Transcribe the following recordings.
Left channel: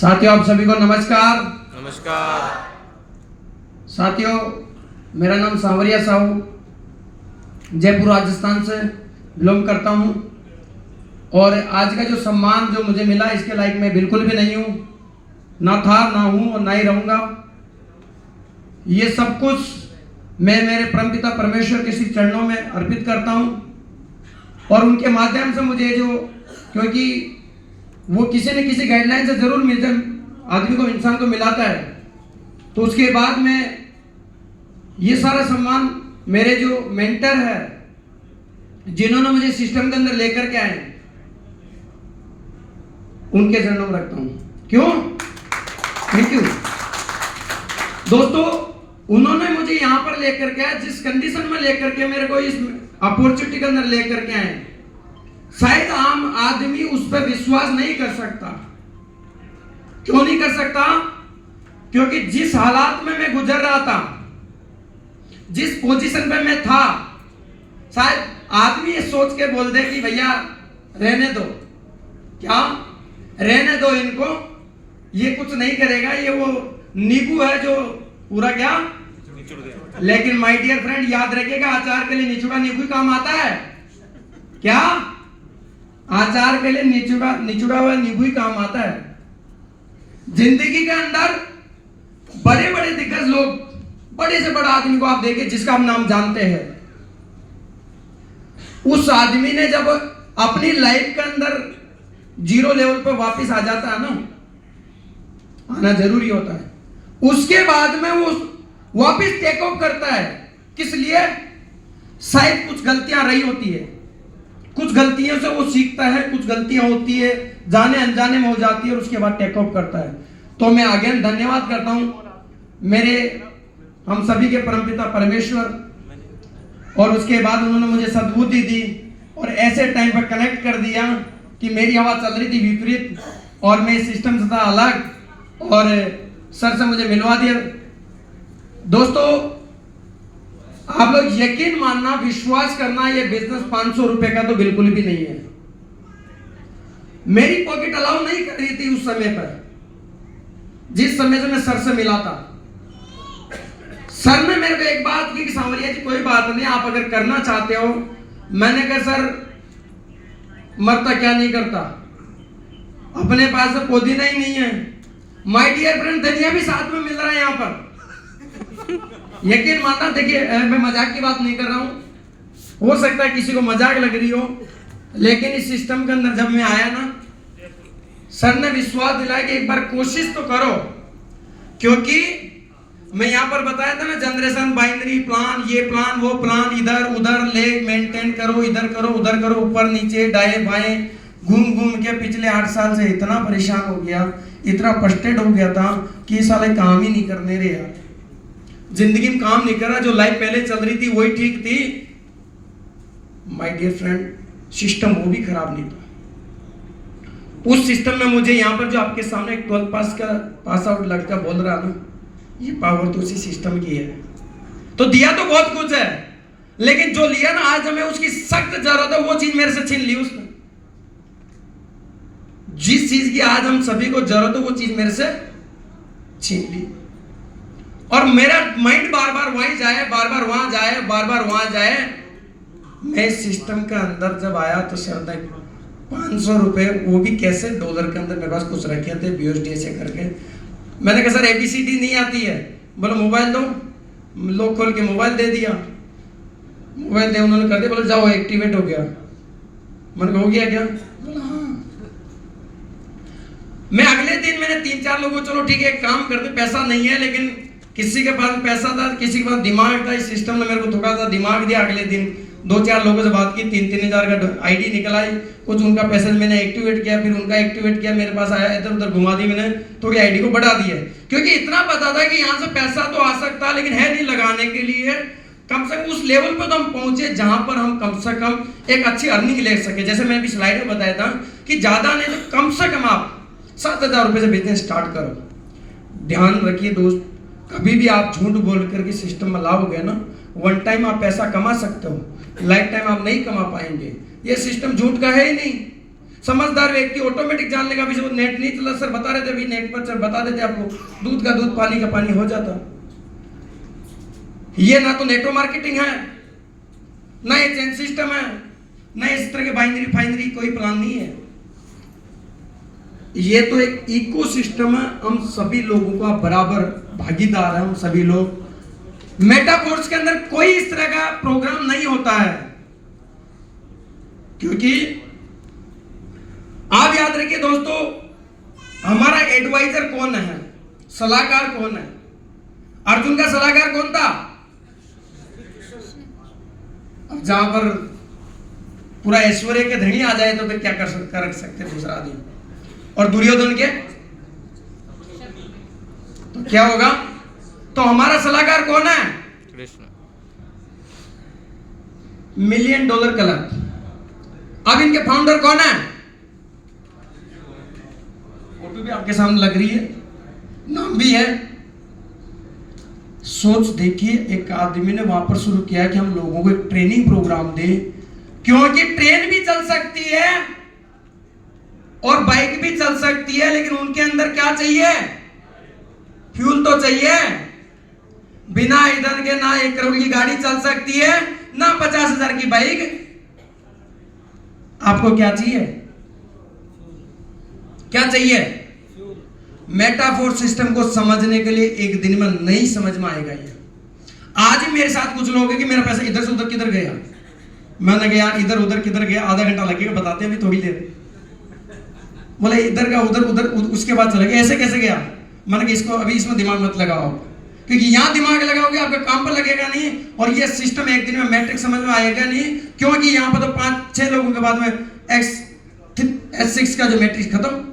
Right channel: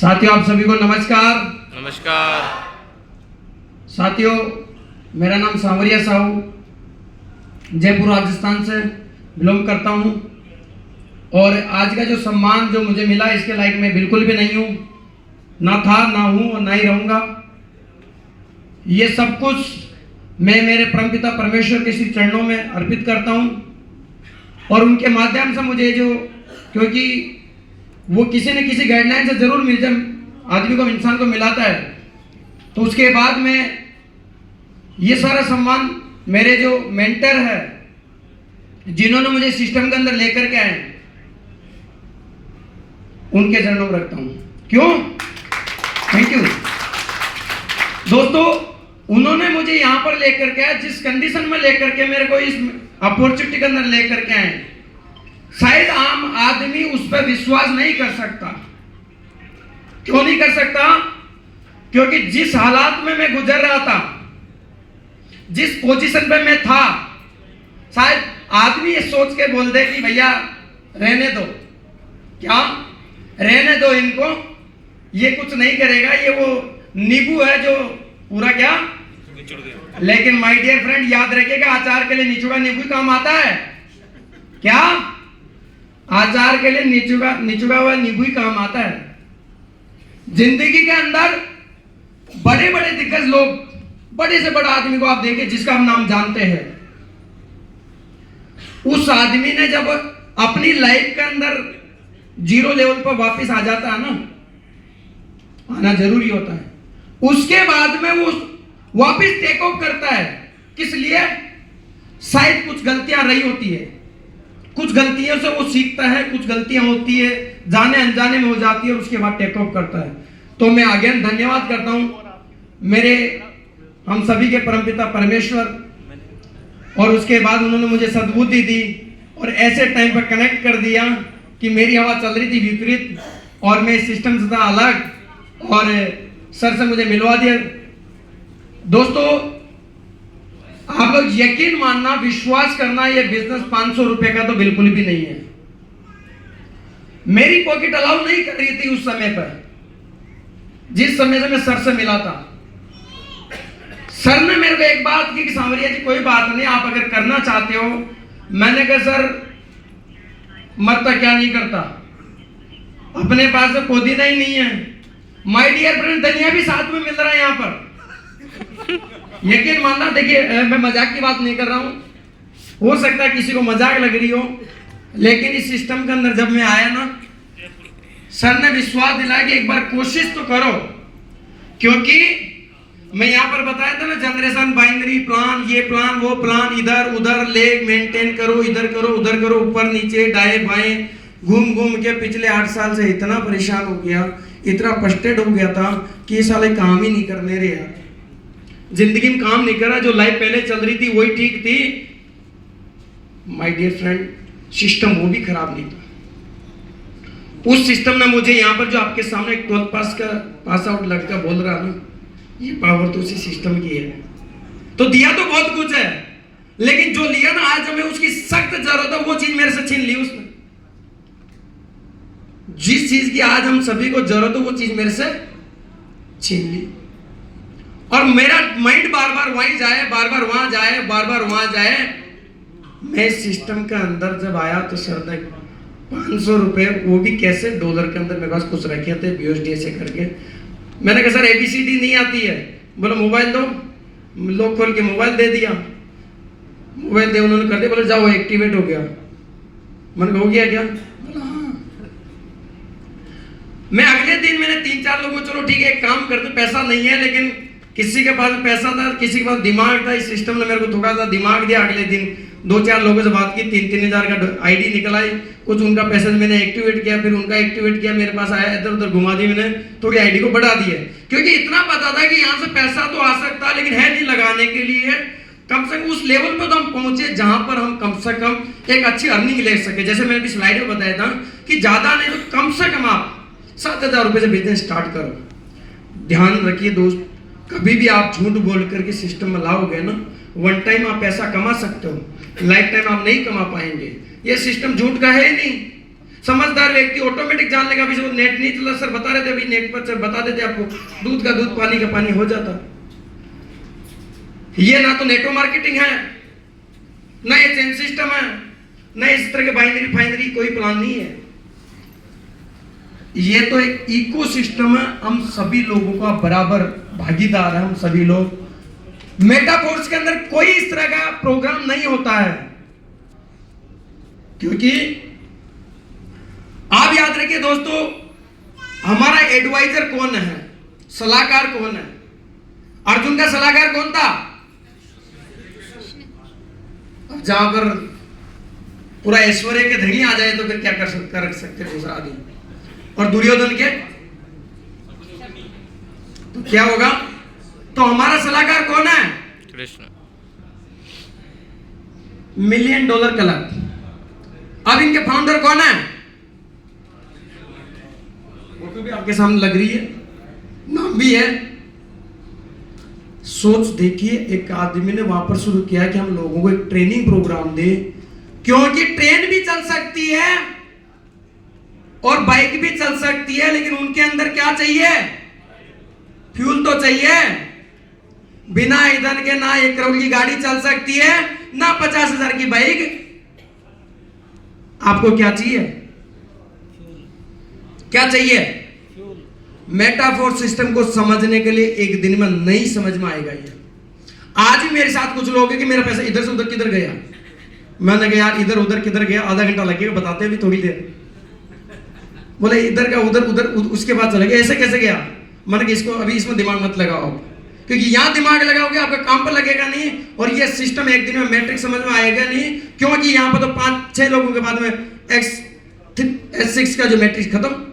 साथियों, आप सभी को नमस्कार। नमस्कार साथियों, मेरा नाम सांवरिया साहू, जयपुर राजस्थान से बिलोंग करता हूं। और आज का जो सम्मान जो मुझे मिला, इसके लायक मैं बिल्कुल भी नहीं हूं, ना था, ना हूं और ना ही रहूंगा। ये सब कुछ मैं मेरे परमपिता परमेश्वर के श्री चरणों में अर्पित करता हूं। और उनके माध्यम से मुझे जो, क्योंकि वो किसी न किसी गाइडलाइन से जरूर मिल जाए, आदमी को, इंसान को मिलाता है, तो उसके बाद में ये सारा सम्मान मेरे जो मेंटर है, जिन्होंने मुझे सिस्टम के अंदर लेकर के आए, उनके चरणों में रखता हूं। क्यों? थैंक यू दोस्तों। उन्होंने मुझे यहां पर लेकर के आए, जिस कंडीशन में लेकर के मेरे को इस अपॉर्चुनिटी के अंदर लेकर के आए, शायद आम आदमी उस पर विश्वास नहीं कर सकता। क्यों नहीं कर सकता? क्योंकि जिस हालात में मैं गुजर रहा था, जिस पोजीशन पे मैं था, शायद आदमी ये सोच के बोल दे कि भैया रहने दो, क्या रहने दो इनको, ये कुछ नहीं करेगा, ये वो नींबू है जो पूरा क्या। लेकिन माय डियर फ्रेंड, याद रखिएगा, अचार के लिए निचुड़ा नींबू काम आता है क्या? अचार के लिए निचुड़ा हुआ नींबू ही काम आता है। जिंदगी के अंदर बड़े बड़े दिग्गज लोग, बड़े से बड़ा आदमी को आप देखिए, जिसका हम नाम जानते हैं, उस आदमी ने जब अपनी लाइफ के अंदर जीरो लेवल पर वापस आ जाता है ना, आना जरूरी होता है, उसके बाद में वो वापस टेक ऑफ करता है। किस लिए? शायद कुछ गलतियां रही होती है, कुछ गलतियों से वो सीखता है, कुछ गलतियां होती है, जाने अनजाने में हो जाती है, और उसके बाद टेक ऑफ करता है। तो मैं अगेन धन्यवाद करता हूं मेरे, हम सभी के परमपिता परमेश्वर। और उसके बाद उन्होंने मुझे सद्बुद्धि दी और ऐसे टाइम पर कनेक्ट कर दिया कि मेरी हवा चल रही थी विपरीत, और मैं सिस्टम से था अलग, और सर से मुझे मिलवा दिया। दोस्तों, आप लोग यकीन मानना, विश्वास करना, ये बिजनेस 500 रुपए का तो बिल्कुल भी नहीं है। मेरी पॉकेट अलाउ नहीं कर रही थी उस समय पर, जिस समय से मैं सर से मिला था। सर ने मेरे को एक बात की कि सांवरिया जी, कोई बात नहीं, आप अगर करना चाहते हो। मैंने कहा सर, मरता क्या नहीं करता, अपने पास से पुदीना ही नहीं है। माय डियर फ्रेंड, धनिया भी साथ में मिल रहा है यहाँ पर। यकीन मानना, देखिए मैं मजाक की बात नहीं कर रहा हूं, हो सकता है किसी को मजाक लग रही हो, लेकिन इस सिस्टम के अंदर जब मैं आया ना, सर ने विश्वास दिलाया कि एक बार कोशिश तो करो। क्योंकि मैं यहाँ पर बताया था ना, जनरेशन बाइनरी प्लान, ये प्लान, वो प्लान, इधर उधर ले मेंटेन करो, इधर करो, उधर करो, ऊपर नीचे, दाएं बाएं, घूम घूम के पिछले 8 साल से इतना परेशान हो गया, इतना फ्रस्ट्रेट हो गया था कि ये साले काम ही नहीं करने रहे यार, जिंदगी में काम नहीं करा। जो लाइफ पहले चल रही थी वही ठीक थी। माय डियर फ्रेंड, सिस्टम वो भी खराब नहीं था। उस सिस्टम ने मुझे यहाँ पर, जो आपके सामने एक 12 पास का पास आउट लड़का बोल रहा ना, ये पावर तो उसी सिस्टम की है। तो दिया तो बहुत कुछ है, लेकिन जो लिया ना, आज हमें उसकी सख्त जरूरत है, वो चीज मेरे से छीन ली उसने। जिस चीज की आज हम सभी को जरूरत है, वो चीज मेरे से छीन ली। और मेरा माइंड बार बार वहीं जाए, बार बार वहां जाए, बार बार वहां जाए। मैं सिस्टम के अंदर जब आया तो सर तक 500 रुपए, वो भी कैसे, डॉलर के अंदर मेरे पास कुछ रखे थे BUSD से करके। मैंने कहा सर ABCD नहीं आती है। बोले मोबाइल दो, लोग खोल के मोबाइल दे दिया, मोबाइल दे उन्होंने कर दिया, बोले जाओ एक्टिवेट हो गया। मैंने कहा हो गया क्या? बोला हाँ। मैं अगले दिन मैंने 3-4 लोगों को, चलो ठीक है एक काम करते, पैसा नहीं है, लेकिन किसी के पास पैसा था, किसी के पास दिमाग था, इस सिस्टम ने मेरे को थोड़ा सा दिमाग दिया। अगले दिन 2-4 लोगों से बात की, 3-3 हजार का आईडी निकल आई, कुछ उनका पैसा मैंने एक्टिवेट किया, फिर उनका एक्टिवेट किया, मेरे पास आया, इधर उधर घुमा दी मैंने, थोड़ी आईडी को बढ़ा दिया। क्योंकि इतना पता था कि यहाँ से पैसा तो आ सकता, लेकिन है नहीं लगाने के लिए। कम से कम उस लेवल पे तो हम पहुंचे जहां पर हम कम से कम एक अच्छी अर्निंग ले सके। जैसे मैंने भी स्लाइड में बताया था कि ज्यादा नहीं तो कम से कम आप 7,000 रुपए से बिजनेस स्टार्ट करो। ध्यान रखिए दोस्त, कभी भी आप झूठ बोल करके सिस्टम में लाओगे ना, वन टाइम आप पैसा कमा सकते हो, लाइफ टाइम आप नहीं कमा पाएंगे। ये सिस्टम झूठ का है ही नहीं। समझदार व्यक्ति ऑटोमेटिक जान लेगा, अभी जो नेट नहीं चला सर बता रहे थे, अभी नेट पर बता देते आपको, दूध का दूध पानी का पानी हो जाता। ये ना तो नेटवर्क मार्केटिंग है, ना ये चेन सिस्टम है, ना इस तरह के बाइनरी फाइनरी कोई प्लान नहीं है। ये तो एक इकोसिस्टम है, हम सभी लोगों का बराबर भागीदार है, हम सभी लोग। मेटाफोर्स के अंदर कोई इस तरह का प्रोग्राम नहीं होता है, क्योंकि आप याद रखिए दोस्तों, हमारा एडवाइजर कौन है, सलाहकार कौन है? अर्जुन का सलाहकार कौन था? जहां पर पूरा ऐश्वर्य के धनी आ जाए तो फिर क्या कर सकते दूसरा आदमी? और दुर्योधन के तो क्या होगा? तो हमारा सलाहकार कौन है? कृष्ण। $1 million club. अब इनके फाउंडर कौन है? फोटो भी आपके सामने लग रही है, नाम भी है। सोच देखिए, एक आदमी ने वहां पर शुरू किया कि हम लोगों को एक ट्रेनिंग प्रोग्राम दे, क्योंकि ट्रेन भी चल सकती है और बाइक भी चल सकती है, लेकिन उनके अंदर क्या चाहिए? फ्यूल तो चाहिए। बिना ईंधन के ना 1 करोड़ की गाड़ी चल सकती है, ना 50,000 की बाइक। आपको क्या चाहिए? क्या चाहिए? मेटाफोर सिस्टम को समझने के लिए एक दिन में नहीं समझ में आएगा। ये आज ही मेरे साथ कुछ लोग हैं कि मेरा पैसा इधर से उधर किधर गया, मैंने कहा यार इधर उधर किधर गया, आधा घंटा लगेगा, बताते भी थोड़ी देर। बोले इधर का उधर उधर, उसके बाद चले गए, ऐसे कैसे गया? मैंने कहा इसको अभी इसमें दिमाग मत लगाओ, क्योंकि यहां दिमाग लगाओगे आपका काम पर लगेगा नहीं, और ये सिस्टम एक दिन में मैट्रिक्स समझ में आएगा नहीं, क्योंकि यहां पर तो 5-6 लोगों के बाद में S6 का जो मैट्रिक्स खत्म,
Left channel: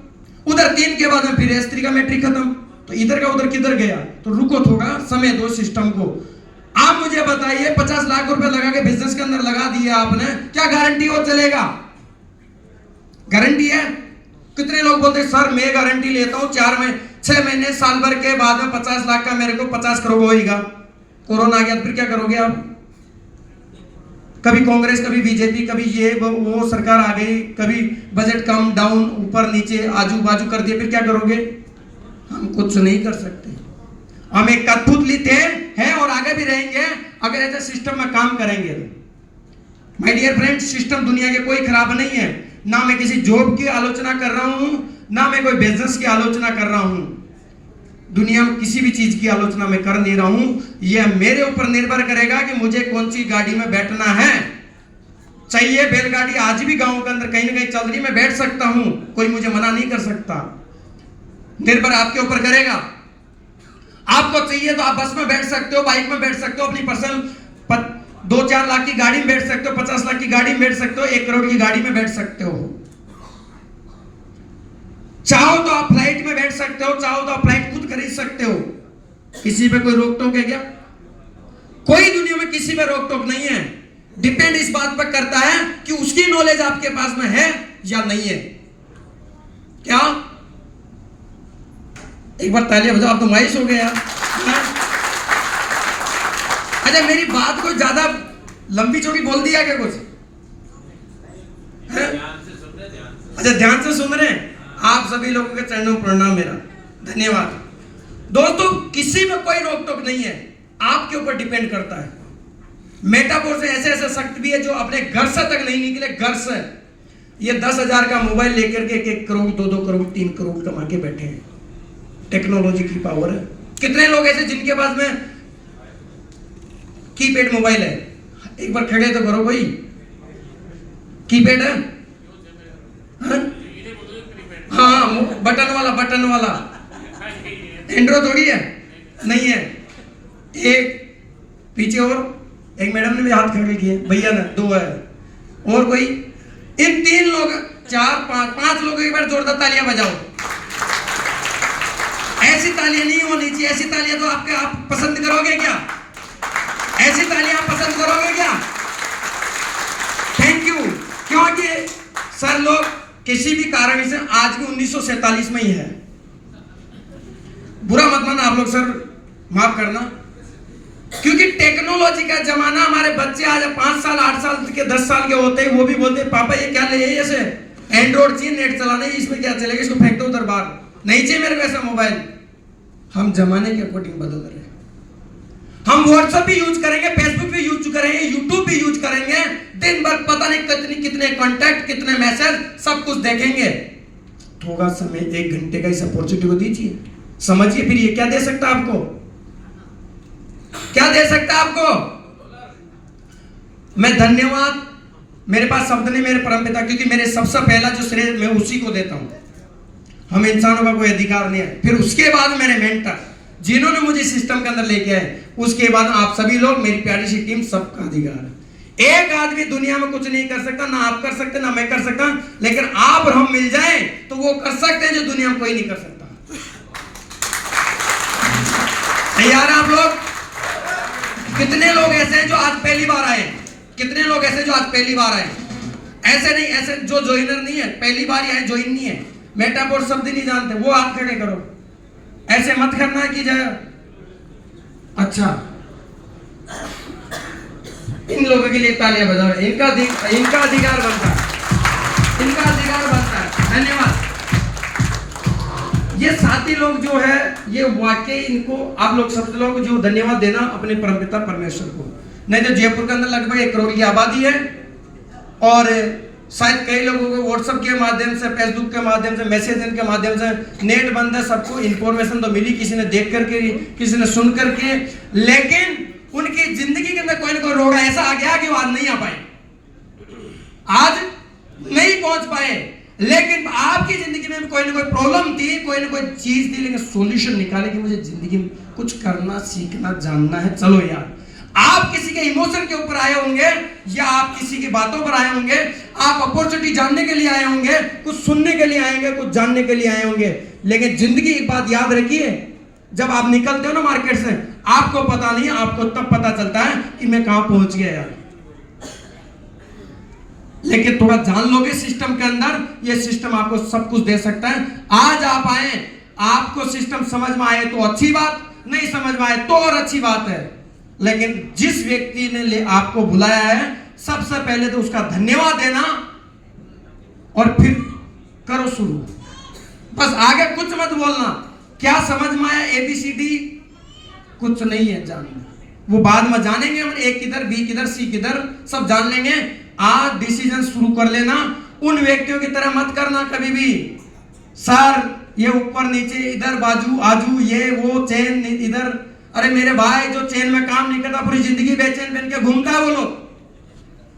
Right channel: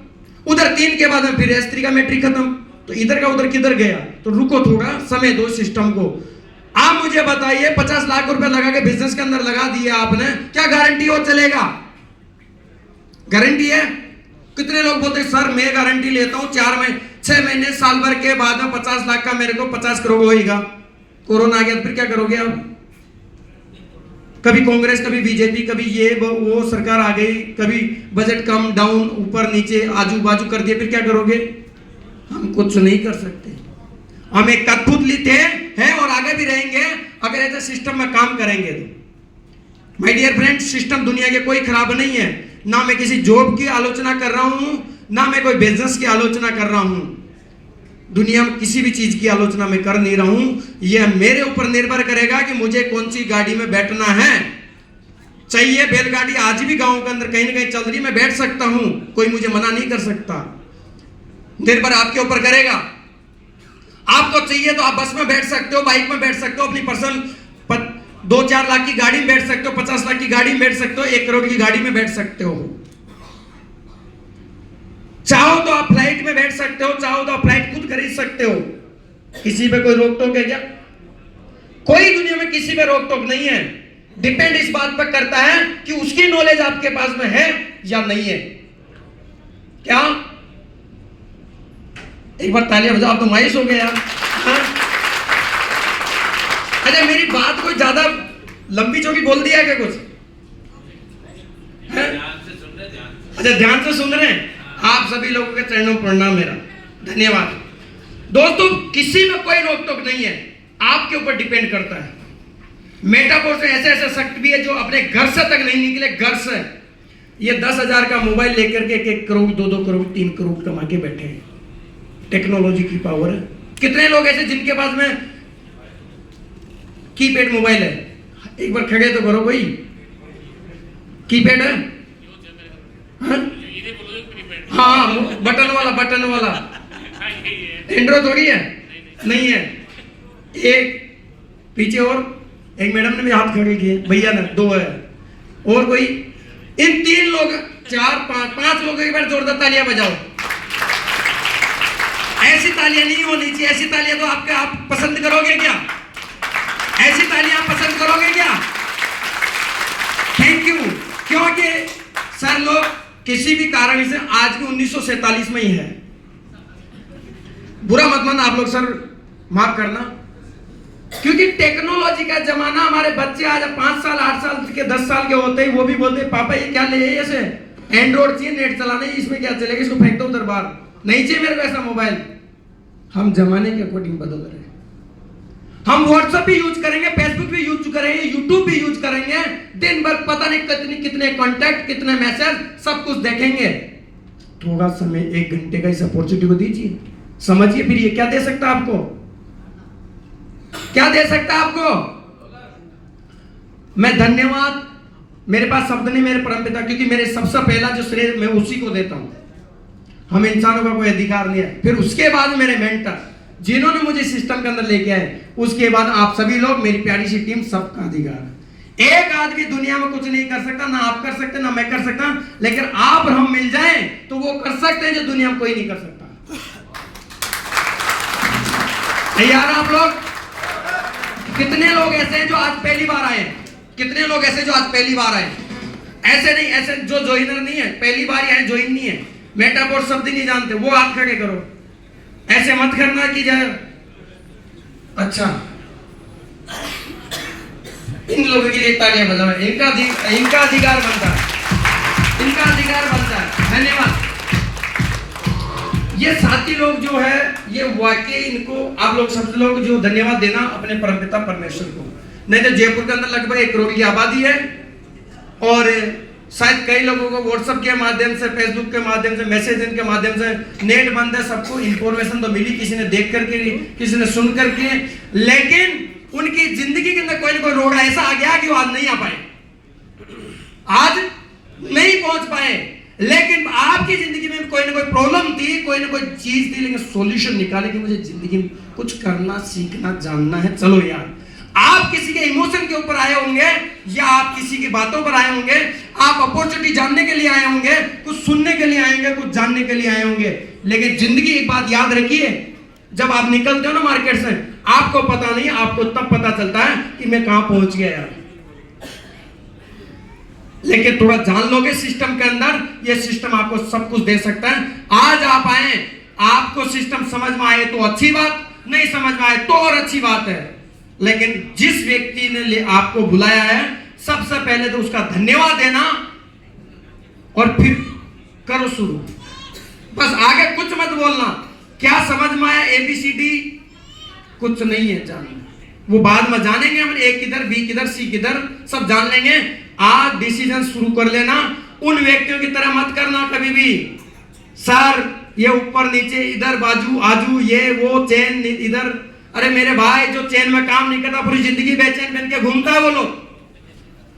उधर 3 के बाद में फिर S3 का मैट्रिक खत्म, तो इधर का उधर किधर गया? तो रुको थोड़ा, समय दो सिस्टम को। आप मुझे बताइए 50 लाख रुपए लगा के बिजनेस के अंदर लगा दिया आपने, क्या गारंटी और चलेगा? गारंटी है? कितने लोग बोलते हैं सर मैं गारंटी लेता हूं 6 महीने साल भर के बाद में 50 लाख का मेरे को 50 करोड़ होएगा। कोरोना आ गया फिर क्या करोगे आप? कभी कांग्रेस, कभी बीजेपी, कभी ये वो सरकार आ गई, कभी बजट कम डाउन ऊपर नीचे आजू बाजू कर दिए, फिर क्या करोगे? हम कुछ नहीं कर सकते। हम एक कठपुतली थे, हैं और आगे भी रहेंगे अगर ऐसे सिस्टम में काम करेंगे तो। माय डियर फ्रेंड, सिस्टम दुनिया के कोई खराब नहीं है। ना मैं किसी जॉब की आलोचना कर रहा हूं, ना मैं कोई बिजनेस की आलोचना कर रहा हूं, दुनिया में किसी भी चीज की आलोचना मैं कर नहीं रहा हूं। यह मेरे ऊपर निर्भर करेगा कि मुझे कौन सी गाड़ी में बैठना है। चाहिए बैलगाड़ी आज भी गांव के अंदर कहीं ना कहीं चल रही, मैं बैठ सकता हूं, कोई मुझे मना नहीं कर सकता। निर्भर आपके ऊपर करेगा। आपको चाहिए तो आप बस में बैठ सकते हो, बाइक में बैठ सकते हो, अपनी पर्सनल 2-4 लाख की गाड़ी में बैठ सकते हो, 50 लाख की गाड़ी में बैठ सकते हो, 1 करोड़ की गाड़ी में बैठ सकते हो। चाहो तो आप फ्लाइट में बैठ सकते हो, चाहो तो आप फ्लाइट खुद खरीद सकते हो। किसी पे कोई रोक टोक है क्या? कोई दुनिया में किसी पे रोक टोक नहीं है। डिपेंड इस बात पर करता है कि उसकी नॉलेज आपके पास में है या नहीं है। क्या एक बार तालियां बजाओ, आप तो मायूस हो गए यार। अच्छा मेरी बात कोई ज्यादा लंबी चौड़ी बोल दिया क्या कुछ? अच्छा ध्यान से सुन रहे हैं। आप सभी लोगों के चरणों में प्रणाम मेरा, धन्यवाद। दोस्तों किसी में कोई रोक टोक नहीं है, आपके ऊपर डिपेंड करता है। मेटाफोर से ऐसे ऐसे शक्ति भी है जो अपने घर से तक नहीं निकले, घर से ये 10,000 का मोबाइल लेकर के 1 करोड़ 2-2 करोड़ 3 करोड़ कमा के बैठे हैं। टेक्नोलॉजी की पावर है। कितने लोग ऐसे जिनके पास में कीपैड मोबाइल है? एक बार खड़े तो करो, कोई कीपैड है? हाँ बटन वाला एंड्रॉइड थोड़ी है, नहीं है। एक पीछे और एक मैडम ने भी हाथ खड़े किए, भैया ने 2 है, और कोई? इन 3 लोग 4-5 लोगों एक बार जोरदार तालियां बजाओ। ऐसी तालियां नहीं होनी चाहिए, ऐसी तालियां तो आप पसंद करोगे क्या? ऐसी तालियां आप पसंद करोगे क्या? Thank you. क्योंकि सर लोग किसी भी कारण से आज भी 1947 में ही है। बुरा मत मानना आप लोग सर, माफ करना, क्योंकि टेक्नोलॉजी का जमाना। हमारे बच्चे आज 5 साल 8 साल के 10 साल के होते ही वो भी बोलते पापा ये क्या ले ऐसे, एंड्रॉइड चाहिए, नेट चलाना है, इसमें क्या चलेगा, इसको फेंक दो उधर बाहर, नहीं चाहिए मेरे को ऐसा मोबाइल। हम जमाने के अकॉर्डिंग बदल रहे हैं। हम व्हाट्सएप भी यूज करेंगे, फेसबुक भी यूज करेंगे, यूट्यूब भी यूज करेंगे, दिन भर पता नहीं कितने कॉन्टैक्ट, कितने मैसेज, सब कुछ देखेंगे। थोड़ा समय 1 घंटे का इस अपॉर्चुनिटी को दीजिए, समझिए फिर ये क्या दे सकता है आपको, क्या दे सकता है आपको। मैं धन्यवाद, मेरे पास शब्द नहीं, मेरे परमपिता, क्योंकि मेरे सबसे पहला जो श्रेय मैं उसी को देता हूं। हम इंसानों का कोई अधिकार नहीं है। फिर उसके बाद मेरे मेंटर जिन्होंने मुझे सिस्टम के अंदर लेके आए, उसके बाद आप सभी लोग, मेरी प्यारी सी टीम, सबका अधिकार है। एक आदमी दुनिया में कुछ नहीं कर सकता, ना आप कर सकते, ना मैं कर सकता, लेकिन आप और हम मिल जाएं तो वो कर सकते हैं जो दुनिया में कोई नहीं कर सकता। तैयार है आप लोग? कितने लोग ऐसे हैं जो आज पहली बार आए? कितने लोग ऐसे जो आज पहली बार आए? ऐसे नहीं, ऐसे जो ज्वाइनर नहीं है, पहली बार आए, ज्वाइन नहीं है, मेटाफोर शब्द नहीं जानते, वो हाथ खड़े करो। ऐसे मत करना कि जाए। अच्छा, इन लोगों के लिए तालियां बजाओ, इनका अधिकार बनता है, इनका अधिकार बनता है। धन्यवाद। ये साथी लोग जो है, ये वाकई इनको आप लोग सब लोग जो धन्यवाद देना अपने परमपिता परमेश्वर को। नहीं तो जयपुर के अंदर लगभग 1 करोड़ की आबादी है, और शायद कई लोगों को व्हाट्सएप के माध्यम से, फेसबुक के माध्यम से, मैसेजिंग के माध्यम से, नेट बंद है, सबको इंफॉर्मेशन तो मिली, किसी ने देख करके, किसी ने सुन करके, लेकिन उनकी जिंदगी के अंदर कोई ना कोई रोड़ा ऐसा आ गया कि वो आज नहीं आ पाए, आज नहीं पहुंच पाए। लेकिन आपकी जिंदगी में कोई ना कोई प्रॉब्लम थी, कोई ना कोई चीज थी, लेकिन सॉल्यूशन निकाले कि मुझे जिंदगी में कुछ करना, सीखना, जानना है। चलो यार, आप किसी के इमोशन के ऊपर आए होंगे, या आप किसी की बातों पर आए होंगे, आप अपॉर्चुनिटी जानने के लिए आए होंगे, कुछ सुनने के लिए आएंगे, कुछ जानने के लिए आए होंगे, लेकिन जिंदगी एक बात याद रखिए, जब आप निकलते हो ना मार्केट से, आपको पता नहीं, आपको तब पता चलता है कि मैं कहां पहुंच गया यार। लेकिन थोड़ा जान लोगे सिस्टम के अंदर, ये सिस्टम आपको सब कुछ दे सकता है। आज आप आए, आपको सिस्टम समझ में आए तो अच्छी बात, नहीं समझ में आए तो और अच्छी बात है, लेकिन जिस व्यक्ति ने आपको बुलाया है, सबसे पहले तो उसका धन्यवाद देना, और फिर करो शुरू। बस आगे कुछ मत बोलना, क्या समझ में आया ABCD कुछ नहीं है जानना, वो बाद में जानेंगे हम, A किधर, B किधर, C किधर, सब जान लेंगे। आज डिसीजन शुरू कर लेना। उन व्यक्तियों की तरह मत करना कभी भी, सर ये ऊपर नीचे, इधर बाजू आजू, ये वो चेन इधर। अरे मेरे भाई, जो चेन में काम नहीं करता, पूरी जिंदगी बेचैन बन के घूमता है,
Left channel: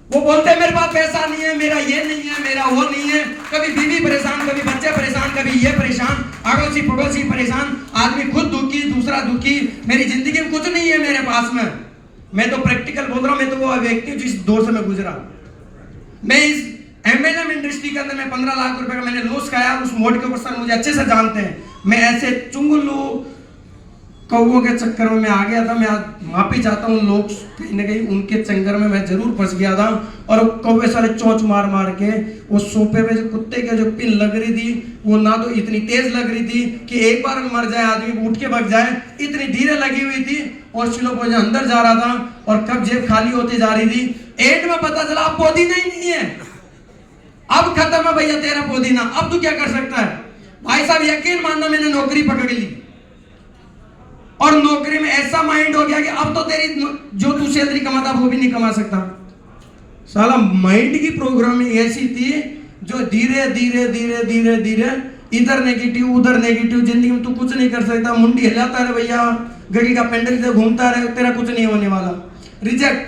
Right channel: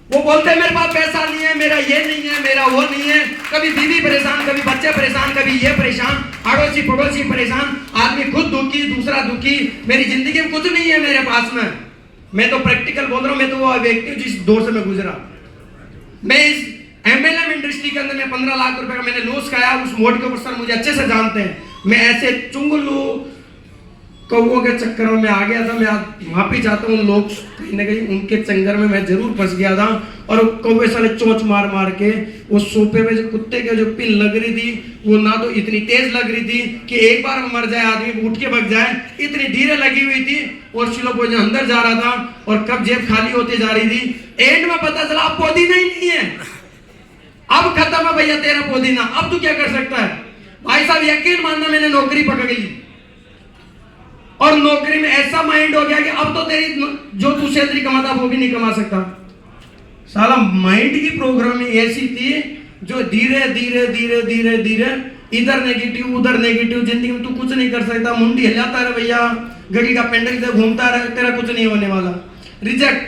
वो बोलते हैं मेरे पास पैसा नहीं है, मेरा ये नहीं है, मेरा वो नहीं है। कभी बीवी परेशान, कभी बच्चे परेशान, कभी ये परेशान, अड़ोसी पड़ोसी परेशान, आदमी खुद दुखी, दूसरा दुखी। मेरी जिंदगी में कुछ नहीं है मेरे पास में। मैं तो प्रैक्टिकल बोल रहा हूं, मैं तो वो व्यक्ति हूं जिस दौर से मैं गुजरा। मैं इस MLM इंडस्ट्री के अंदर मैं 15 लाख रुपए का मैंने लॉस खाया, उस मोड के ऊपर सर मुझे अच्छे से जानते हैं। मैं ऐसे चुंगलू कौओं के चक्कर में आ गया था। मैं वापिस जाता हूँ, लोग कहीं ना कहीं उनके चंगर में मैं जरूर फंस गया था, और कौवे सारे चोंच मार मार के वो सोफे पे जो कुत्ते के जो पिन लग रही थी, वो ना तो इतनी तेज लग रही थी कि एक बार मर जाए आदमी, उठ के भग जाए, इतनी धीरे लगी हुई थी, और सिलो पोजे अंदर जा रहा था, और कब जेब खाली होती जा रही थी। एंड में पता चला अब पुदीना ही नहीं है, अब खत्म है भैया तेरा पुदीना, अब तू क्या कर सकता है। भाई साहब यकीन मानना, मैंने नौकरी पकड़ ली, और नौकरी में ऐसा माइंड हो गया कि अब तो तेरी जो तू सैलरी कमाता वो भी नहीं कमा सकता। साला माइंड की प्रोग्रामिंग ऐसी थी जो धीरे धीरे धीरे धीरे धीरे इधर नेगेटिव उधर नेगेटिव, जिंदगी में तू कुछ नहीं कर सकता, मुंडी हिलाता रहे भैया, घड़ी का पेंडल से घूमता रहे, तेरा कुछ नहीं होने वाला, रिजेक्ट,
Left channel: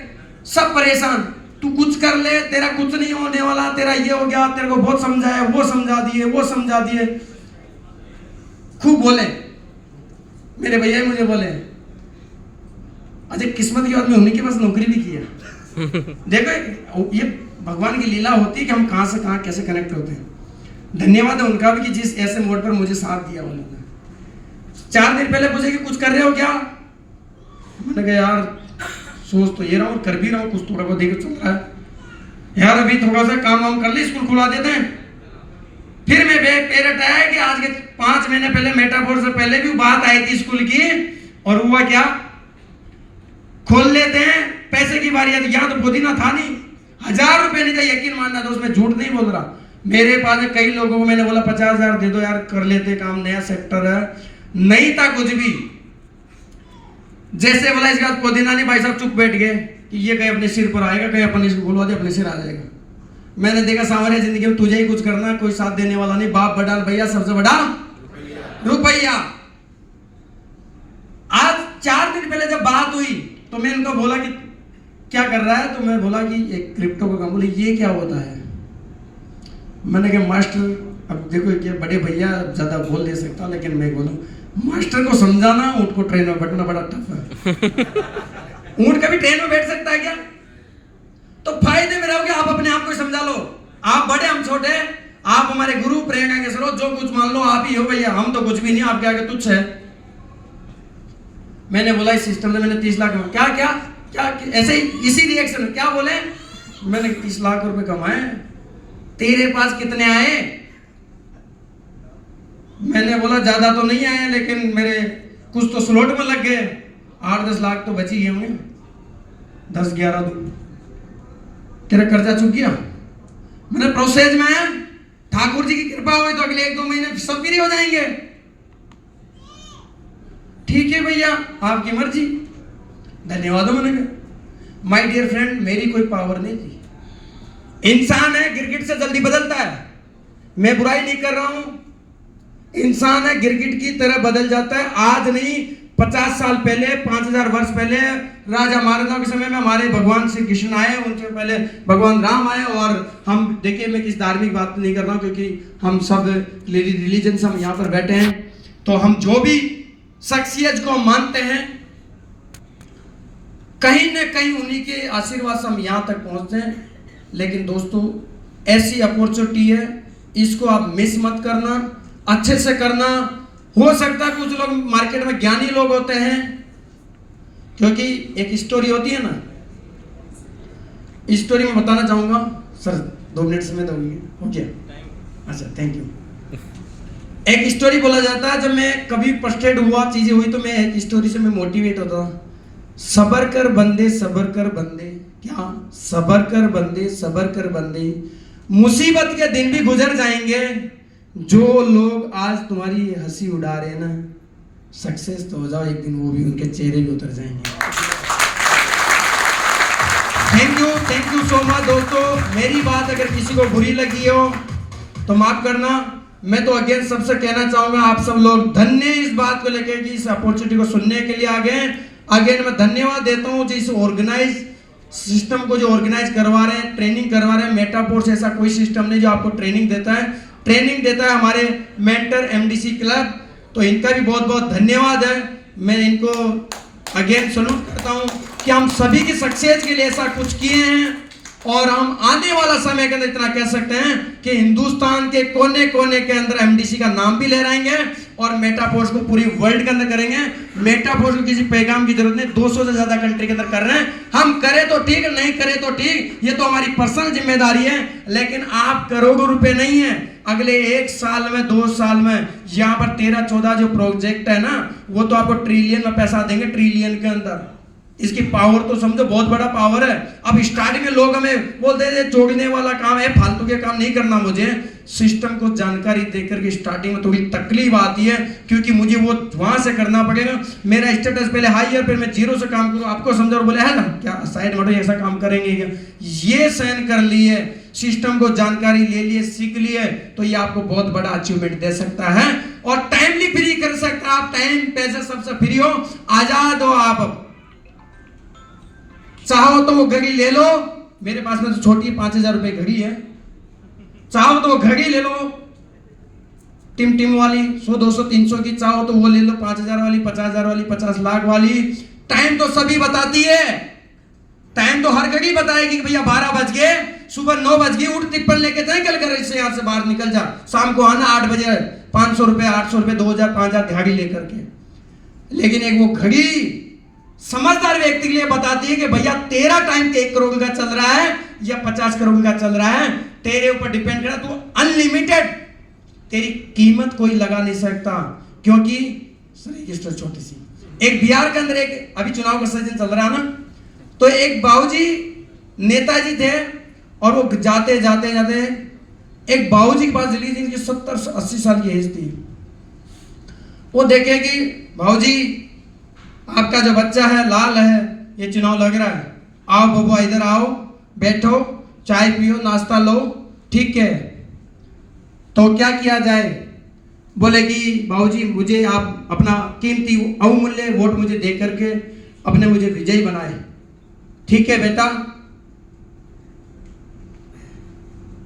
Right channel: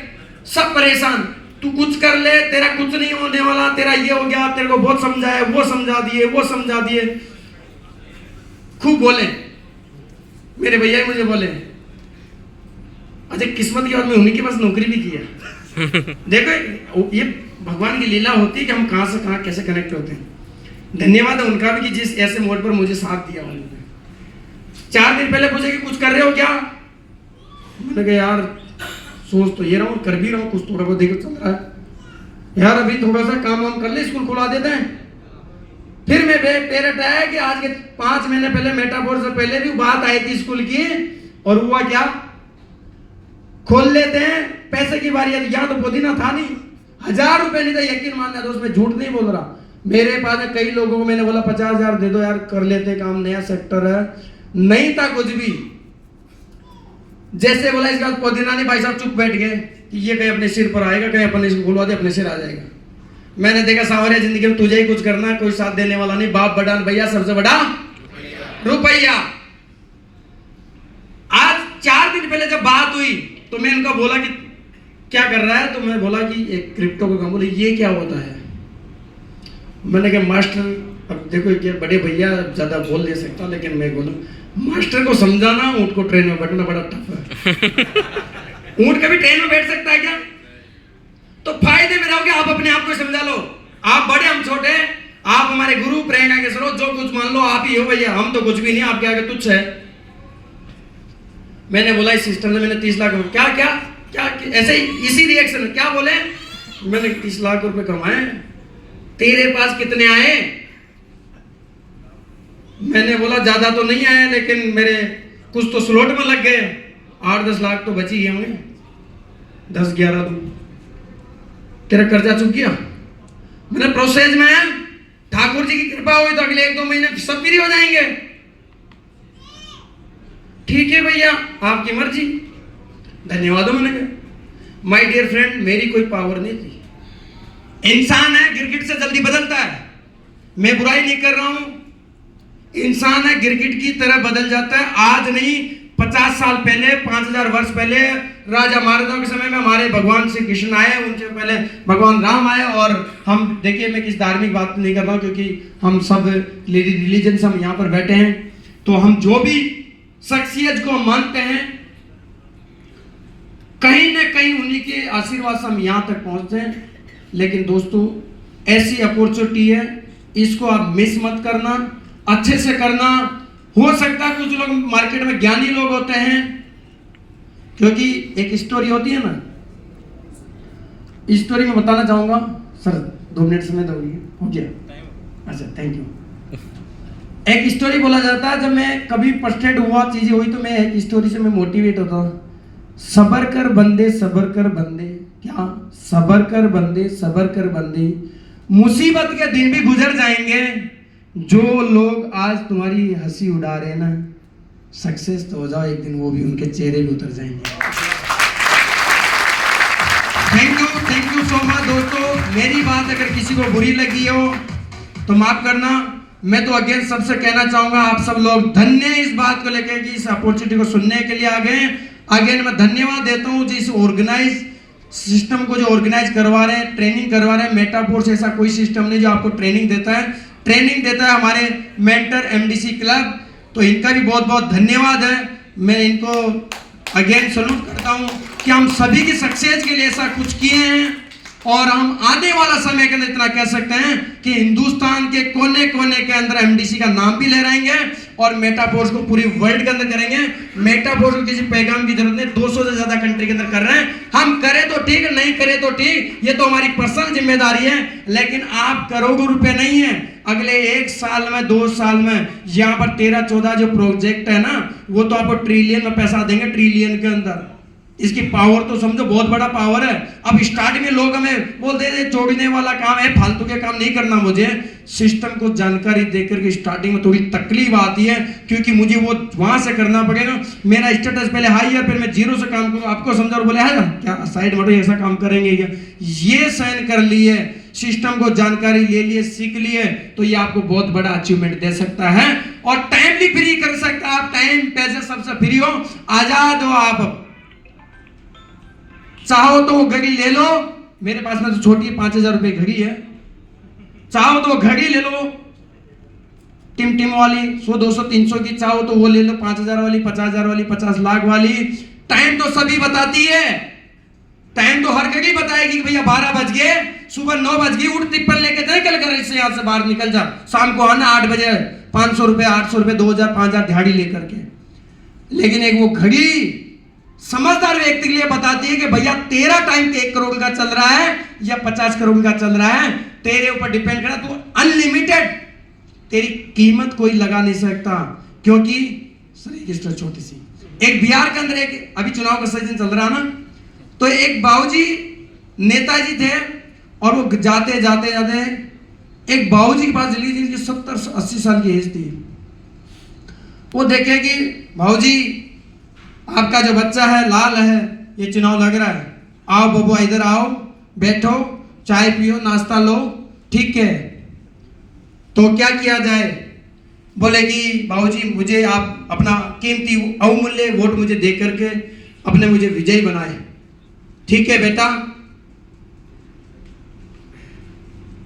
सब परेशान, तू कुछ कर ले तेरा कुछ नहीं होने वाला, तेरा ये हो गया, तेरे को बहुत समझाया, वो समझा दिए, वो समझा दिए, खूब बोले मेरे भैया मुझे बोले। अच्छा किस्मत की बात में उन्हीं के पास नौकरी भी की है। देखो ये भगवान की लीला होती है कि हम कहां से कहां कैसे कनेक्ट होते हैं। धन्यवाद है उनका भी कि जिस ऐसे मोड पर मुझे साथ दिया उन्होंने। 4 दिन पहले पूछे कि कुछ कर रहे हो क्या, मैंने कहा यार सोच तो ये रहा हूं, कर भी रहा हूं, कुछ थोड़ा बहुत देखो चल रहा है यार, अभी थोड़ा सा काम वाम कर ले, स्कूल खुला देते हैं। फिर मैं पेरेंट आया कि आज के 5 महीने पहले मेटाफोर से पहले भी बात आई थी स्कूल की, और हुआ क्या, खोल लेते हैं, पैसे की बारी आई, यहाँ तो पुदीना था नहीं, 1000 रुपए नहीं था, यकीन मानना, तो उसमें झूठ नहीं बोल रहा, मेरे पास में कई लोगों को मैंने बोला 50,000 दे दो यार, कर लेते काम, नया सेक्टर है, नहीं था कुछ भी। जैसे बोला इसका पुदीना नहीं, भाई साहब चुप बैठ गए कि ये कहीं अपने सिर पर आएगा, कहीं अपने खुलवा दे अपने सिर आ जाएगा। मैंने देखा सांवरिया जिंदगी में तुझे ही कुछ करना है, कोई साथ देने वाला नहीं, बाप बड़ा भैया, सबसे बड़ा रुपया। आज 4 दिन पहले जब बात हुई तो मैं इनको बोला कि क्या कर रहा है, तो मैं बोला कि एक क्रिप्टो का काम। बोले ये क्या होता है? मैंने कहा मास्टर, अब देखो ये बड़े भैया ज्यादा बोल नहीं सकता, लेकिन मैं बोला मास्टर को समझाना ऊँट को ट्रेन में बैठना बड़ा टफ है। ऊँट कभी ट्रेन में बैठ सकता है क्या? तो फायदे में रहोगे, आप अपने आप को समझा लो। आप बड़े, हम छोटे, आप हमारे गुरु, प्रेरणा के स्रोत, जो कुछ मान लो आप ही हो भैया, हम तो कुछ भी नहीं, आपके आगे तुच्छ है। मैंने बोला इस सिस्टम से मैंने 30 लाख क्या क्या क्या ऐसे ही इसी रिएक्शन क्या बोले, मैंने 30 लाख रुपए कमाए, तेरे पास कितने आए? मैंने बोला ज्यादा तो नहीं आया, लेकिन मेरे कुछ तो स्लॉट में लग गए, 8-10 लाख तो बच ही गए होंगे, 10-11 तो तेरा कर्जा चुक गया। मैंने प्रोसेस में है, ठाकुर जी की कृपा हुई तो अगले 1-2 महीने सब फ्री हो जाएंगे। ठीक है भैया, आपकी मर्जी, धन्यवाद। मैंने कहा माय डियर फ्रेंड, मेरी कोई पावर नहीं थी। इंसान है, गिरगिट से जल्दी बदलता है, मैं बुराई नहीं कर रहा हूं। इंसान है, गिरगिट की तरह बदल जाता है। आज नहीं, 50 साल पहले, 5000 वर्ष पहले राजा महाराजाओं के समय में हमारे भगवान श्री कृष्ण आए, उनसे पहले भगवान राम आए। और हम देखिए, मैं किस धार्मिक बात नहीं कर रहा हूं, क्योंकि हम सब रिलीजन से हम यहाँ पर बैठे हैं, तो हम जो भी शख्सियत को मानते हैं, कहीं न कहीं उन्हीं के आशीर्वाद से हम यहाँ तक पहुंचते हैं। लेकिन दोस्तों, ऐसी अपॉर्चुनिटी है, इसको आप मिस मत करना, अच्छे से करना। हो सकता है कुछ लोग मार्केट में ज्ञानी लोग होते हैं, क्योंकि एक स्टोरी होती है ना, स्टोरी में बताना चाहूंगा। सर 2 मिनट समय दोगे? हो गया, अच्छा थैंक यू। एक स्टोरी बोला जाता है, जब मैं कभी फ्रस्ट्रेट हुआ, चीजें हुई, तो मैं एक स्टोरी से मैं मोटिवेट होता हूँ। सबर कर बंदे, सबर कर बंदे, क्या सबर कर बंदे, सबर कर बंदे, मुसीबत के दिन भी गुजर जाएंगे। जो लोग आज तुम्हारी हंसी उड़ा रहे हैं ना, सक्सेस तो हो जाओ, एक दिन वो भी उनके चेहरे भी उतर जाएंगे। थैंक यू सो मच दोस्तों। मेरी बात अगर किसी को बुरी लगी हो तो माफ करना। मैं तो अगेन सबसे कहना चाहूंगा, आप सब लोग धन्य इस बात को लेकर कि इस अपॉर्चुनिटी को सुनने के लिए आ गए। अगेन मैं धन्यवाद देता हूं जिस ऑर्गेनाइज सिस्टम को, जो ऑर्गेनाइज करवा रहे हैं, ट्रेनिंग करवा रहे हैं। मेटाफोर्स ऐसा कोई सिस्टम नहीं जो आपको ट्रेनिंग देता है, ट्रेनिंग देता है हमारे मेंटर एमडीसी क्लब, तो इनका भी बहुत बहुत धन्यवाद है। मैं इनको अगेन सल्यूट करता हूं कि हम सभी की सक्सेस के लिए ऐसा कुछ किए हैं, और हम आने वाला समय के अंदर इतना कह सकते हैं कि हिंदुस्तान के कोने कोने के अंदर एमडीसी का नाम भी लहराएंगे और मेटाफोर्स को पूरी वर्ल्ड के अंदर करेंगे। मेटाफोर्स को किसी पैगाम की जरूरत नहीं, 200 से ज्यादा कंट्री के अंदर कर रहे हैं। हम करें तो ठीक, नहीं करें तो ठीक, ये तो हमारी पर्सनल जिम्मेदारी है। लेकिन आप करोड़ों रुपए नहीं है, अगले 1 साल में, 2 साल में यहाँ पर 13-14 जो प्रोजेक्ट है ना, वो तो आपको ट्रिलियन में पैसा देंगे, ट्रिलियन के अंदर। इसकी पावर तो समझो बहुत बड़ा पावर है। अब स्टार्टिंग में लोग हमें बोलते हैं जोड़ने वाला काम है, फालतू के काम नहीं करना। मुझे सिस्टम को जानकारी देकर के स्टार्टिंग में थोड़ी तकलीफ आती है, क्योंकि मुझे वो वहां से करना पड़ेगा। मेरा स्टेटस पहले हाई है, फिर मैं 0 से काम करूँ, आपको समझा और बोले है ना क्या साइड में ऐसा काम करेंगे क्या, ये साइन कर लिए, सिस्टम को जानकारी ले लिए, सीख लिए, तो ये आपको बहुत बड़ा अचीवमेंट दे सकता है और टाइमली फ्री कर सकता है। आप टाइम पैसे सबसे फ्री हो, आजाद हो। आप चाहो तो वो घड़ी ले लो, मेरे पास में तो छोटी 5000 रुपए घड़ी है, चाहो तो वो घड़ी ले लो, टिम वाली 100, 200, 300 की, चाहो तो वो ले लो 5000 वाली, 50,000 वाली, 50 लाख वाली। टाइम तो सभी बताती है, टाइम तो हर घड़ी बताएगी कि भैया 12 बज गए, सुबह 9 बज गई, उठ टिप्पल लेके निकल कर इससे यहाँ से बाहर निकल जा, शाम को आना 8 बजे, 500 रुपए, 800 रुपए, 2000, 5000 दिहाड़ी लेकर के। लेकिन एक वो घड़ी समझदार व्यक्ति के लिए बताती है कि भैया तेरा टाइम 1 करोड़ का चल रहा है या 50 करोड़ का चल रहा है, तेरे ऊपर डिपेंड करता। तू अनलिमिटेड, तेरी कीमत कोई लगा नहीं सकता, क्योंकि छोटी सी एक बिहार के अंदर एक अभी चुनाव का सीजन चल रहा ना, तो एक बाबूजी नेताजी थे और वो जाते जाते जाते एक बाबूजी के पास चली, जिनकी 70-80 साल की एज थी। वो देखे कि बाबूजी आपका जो बच्चा है लाल है, ये चुनाव लग रहा है, आओ बबुआ इधर आओ, बैठो, चाय पियो, नाश्ता लो, ठीक है। तो क्या किया जाए? बोले कि बाबूजी मुझे आप अपना कीमती अवमूल्य वोट मुझे दे करके अपने मुझे विजयी बनाए। ठीक है बेटा,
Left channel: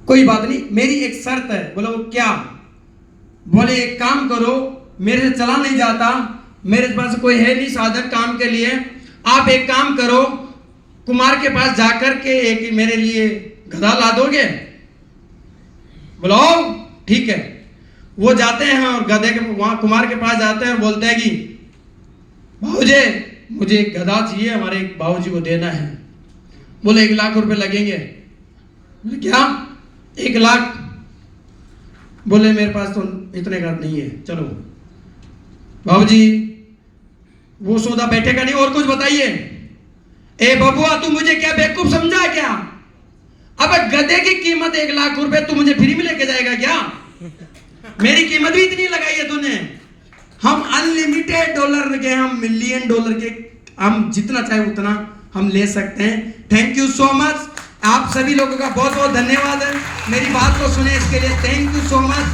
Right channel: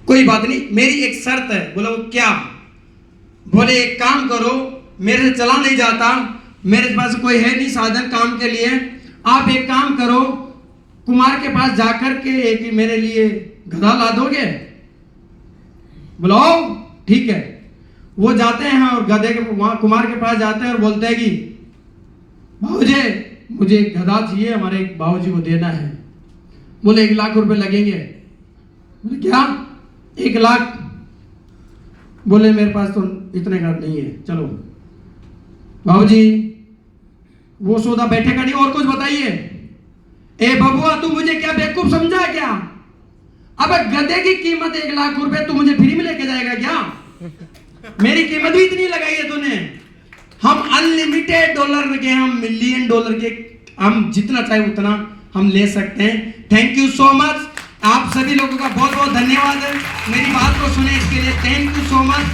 कोई बात नहीं, मेरी एक शर्त है। बोले वो क्या? बोले एक काम करो, मेरे से चला नहीं जाता, मेरे पास कोई है नहीं साधन काम के लिए, आप एक काम करो, कुमार के पास जाकर के एक मेरे लिए गधा ला दोगे? बुलाओ, ठीक है। वो जाते हैं और गधे के वहां कुमार के पास जाते हैं और बोलते हैं कि बाबूजी मुझे एक गधा चाहिए, हमारे बाबूजी को देना है। बोले 1 लाख रुपए लगेंगे। बोले क्या 1 लाख? बोले मेरे पास तो इतने का नहीं है, चलो। बाबूजी वो सौदा बैठेगा नहीं, और कुछ बताइए। ए बबुआ तू मुझे क्या बेवकूफ समझा क्या? अब गधे की कीमत 1 लाख रुपए, तू मुझे फ्री में लेके जाएगा क्या? मेरी कीमत भी इतनी लगाई है तूने। हम अनलिमिटेड डॉलर के, हम मिलियन डॉलर के, हम जितना चाहे उतना हम ले सकते हैं। Thank you so much. आप सभी लोगों का बहुत बहुत धन्यवाद है, मेरी बात को सुने इसके लिए। Thank you so much.